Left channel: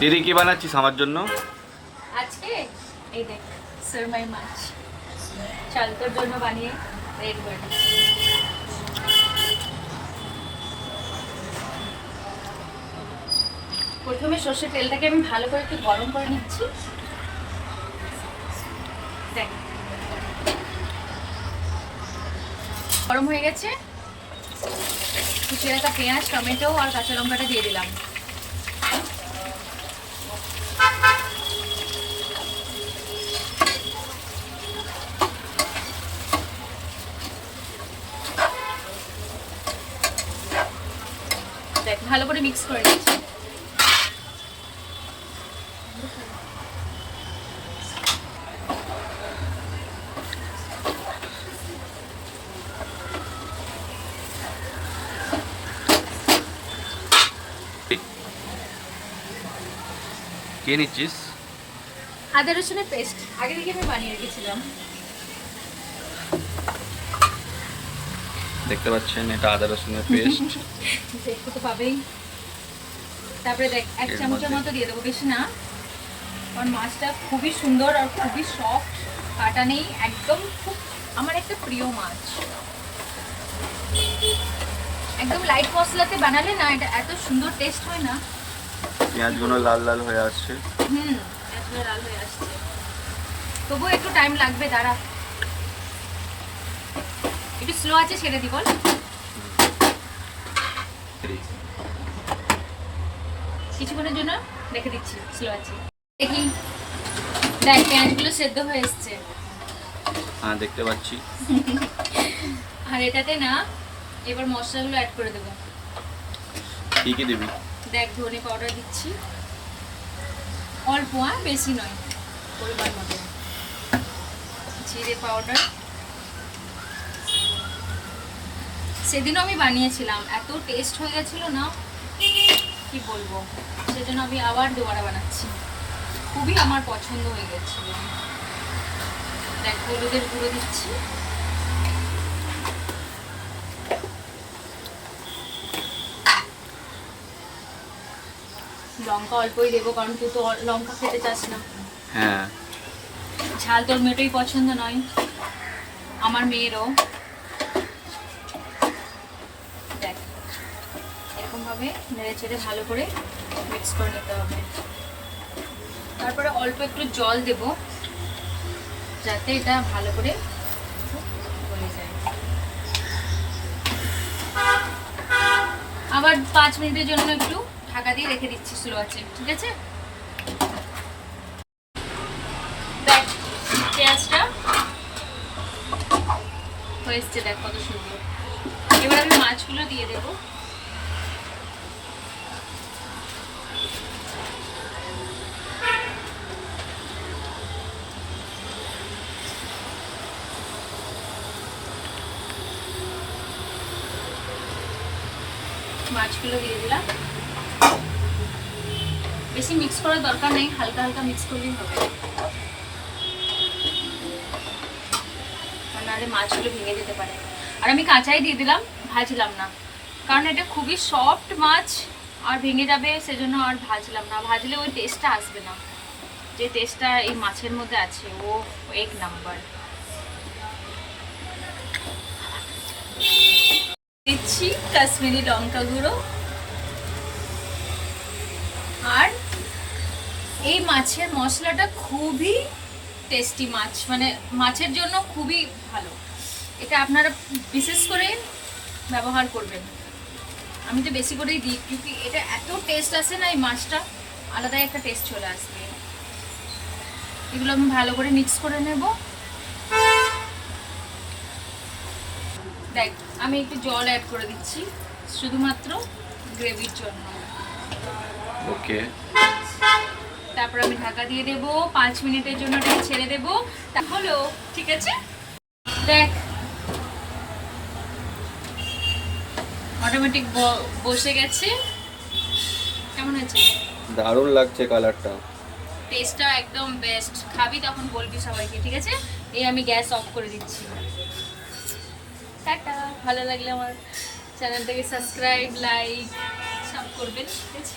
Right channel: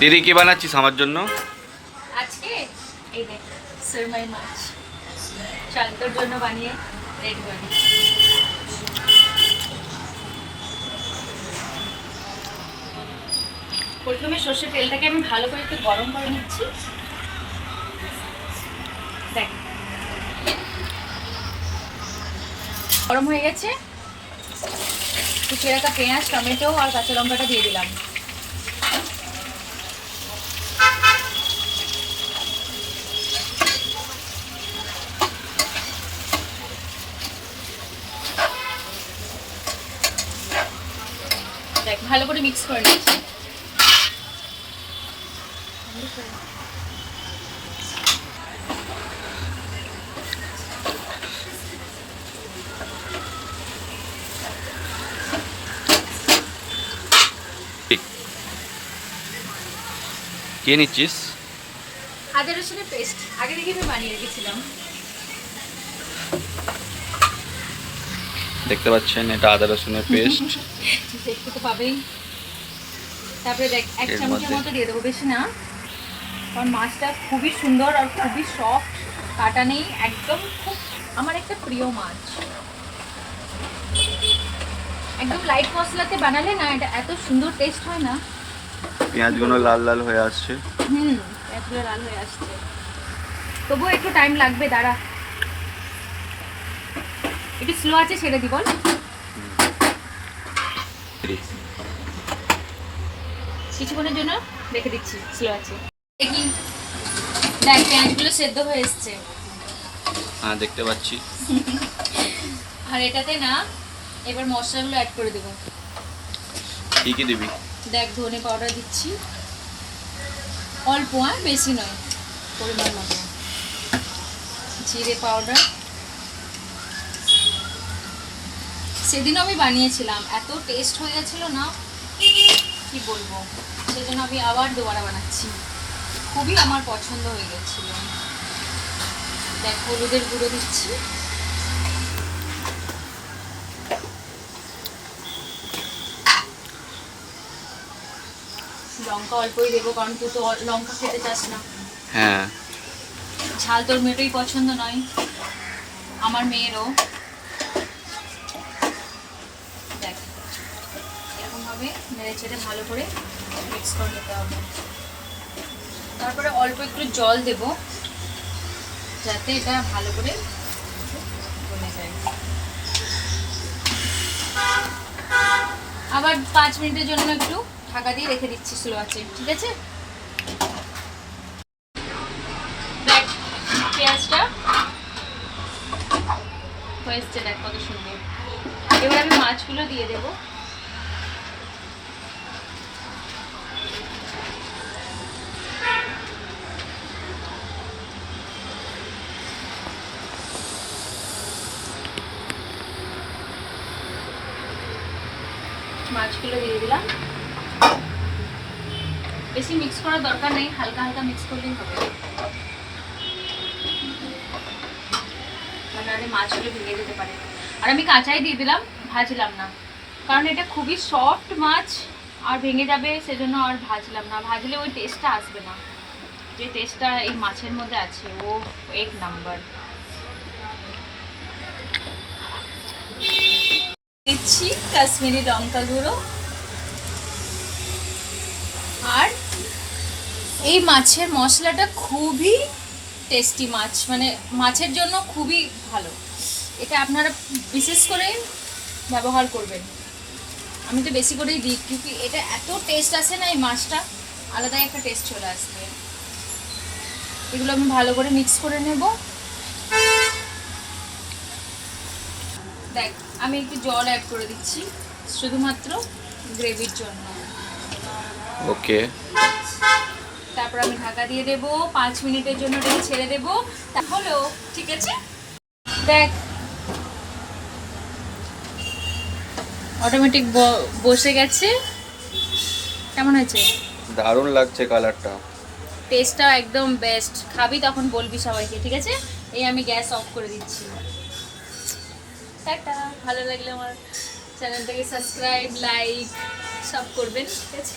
দিদি কি বানাচ্ছিস আমার জন্য? আজকে এই দেখ সুরমাই মাছ চাল তোর জন্য বানিয়ে রেডি বানিয়ে। প্রথমে সর্ষের তেলটাকে আমি ভালো করে একটু গরম করে নিচ্ছি। দেখ গরম হয়ে গেছে, কুচিয়ে রাখা পেঁয়াজ, টমেটো আর কাঁচা লঙ্কাটা দিয়ে দিলাম। দেখ ভালো করে মিক্স করে নিচ্ছি। কে নিচ্ছিস? আদা রসুনের পেস্ট আগে থেকে আমি বানিয়ে রেখেছিলাম। দেখতে পাচ্ছেন এটা আদা রসুনের পেস্ট। দেখতে তো পাবেই। তারপরে দেখ এক চামচের মতো দিয়ে দেবো, বেশি না, কারণ মাছটা খুবই সুন্দর আর খুবই সফট, কাটা নেই একদম, খুব আমার একটা প্রিয় মাছ। একদম লাইট মশলাতে বানালে না এটা এত সুন্দর টেস্ট হয় না। পেঁয়াজগুলো লাল লাল হয়ে আসছে। পেঁয়াজগুলো লাল হয়ে আসছে, তবুও একটু টাইম লাগবে, দাঁড়া একটু স্লো আছে, ছেড়ে দি বল। কিছুক্ষণের জন্য রেখে দিচ্ছি স্লো আছে। দেখি দেখ পেঁয়াজগুলো সেদ্ধ হয়ে এসছে। হ্যাঁ দেখতে পাচ্ছি। আর এটাতে না এবার মশলাগুলো অ্যাড করে দেবো। কি কি দিবি? দেখ ধনে পাউডার দিচ্ছি অল্প, বেশি নয়, পরিমাণ মতো। জিরে পাউডার, সেদিনও আমি বানিয়েছিলাম, এত টেস্ট হয়ে গেছিল না কি বলবো, সেজন্য আমি আবার দুবারা বানাচ্ছি, খুবই আমার পছন্দ হয়ে গেছিল। দেখ হলুদের গুঁড়ো দিচ্ছি, লঙ্কা অল্পই দেবো কারণ তুই তো লঙ্কা খেতে চাস না। হ্যাঁ, ঝাল তোর মেয়েটাই পছন্দ নয়, আমার মেয়েরও। দেখ এরকম ভাবে নেড়ে চেড়ে ভালো করে মিক্স করে নিতে হবে। তারপরে অল্প একটু জল দেব যাতে এটা ভালো করে গলে যায়। আবার 5 মিনিটের জন্য একটু ঢাকা দিয়ে রেখে দিচ্ছি স্লো আছে, ঠিক আছে? দেখ পেঁয়াজটা হয়েছে, দেখ কত সুন্দর। এবার আমি মাছগুলো দিয়ে দেবো। মাছগুলো দিয়ে দিলাম, বেশি মিক্স করার দরকার নেই, হালকা হালকা মিক্স করলেই হবে, নাহলে মাছগুলো ভেঙে যেতে পারে। আর আমি কাঁচাই দিয়ে দিলাম, ভাজলাম না, কারণ এটা খুবই সফট মাছ আর ভেঙে যাবে, সেজন্য আর ভাজলাম না, ভাজলে ওই টেস্টটা আসবে না যে টেস্টটা এই মাছের মধ্যে আছে, ও এক নাম্বার। দিচ্ছি কাশ্মীরি লঙ্কা গুঁড়ো, আর এই মাছের মশলাটা খুবই টেস্টি মাছ, মানে মাছের জন্য খুবই ভালো, এটা আপনারা বিশেষ করে ব্যবহার করবেন। আমি তো বেশি করেই দিই, কিন্তু এটা এত টেস্ট আসে না, এই মাছটা আলাদা একটা টেস্ট চলে আসবে। এগুলো আমি ভালো করে মিক্স করে নেব। দেখ আমি একটু জল অ্যাড করে দিচ্ছি শুধুমাত্র গ্রেভির জন্য। ওকে, তারপর আমি ঢাকা দিয়ে দেবো, 5 মিনিটের জন্য এটাকে ছেড়ে দেবো, তাহলেও ঠিক আছে। দেখ অটোমেটিক বসে গেছে, কেমন হয়েছে? দারুণ লাগছে কালারটা, টেস্টটা একদম বেস্ট, খাবি তখন বলবি সবাইকে, ঠিক আছে? এই আমি গ্যাস অফ করে দিচ্ছি। টাটা, ভালো লাগলে আমার চ্যানেলটাকে সাবস্ক্রাইব, লাইক সব করবেন, ঠিক আছে?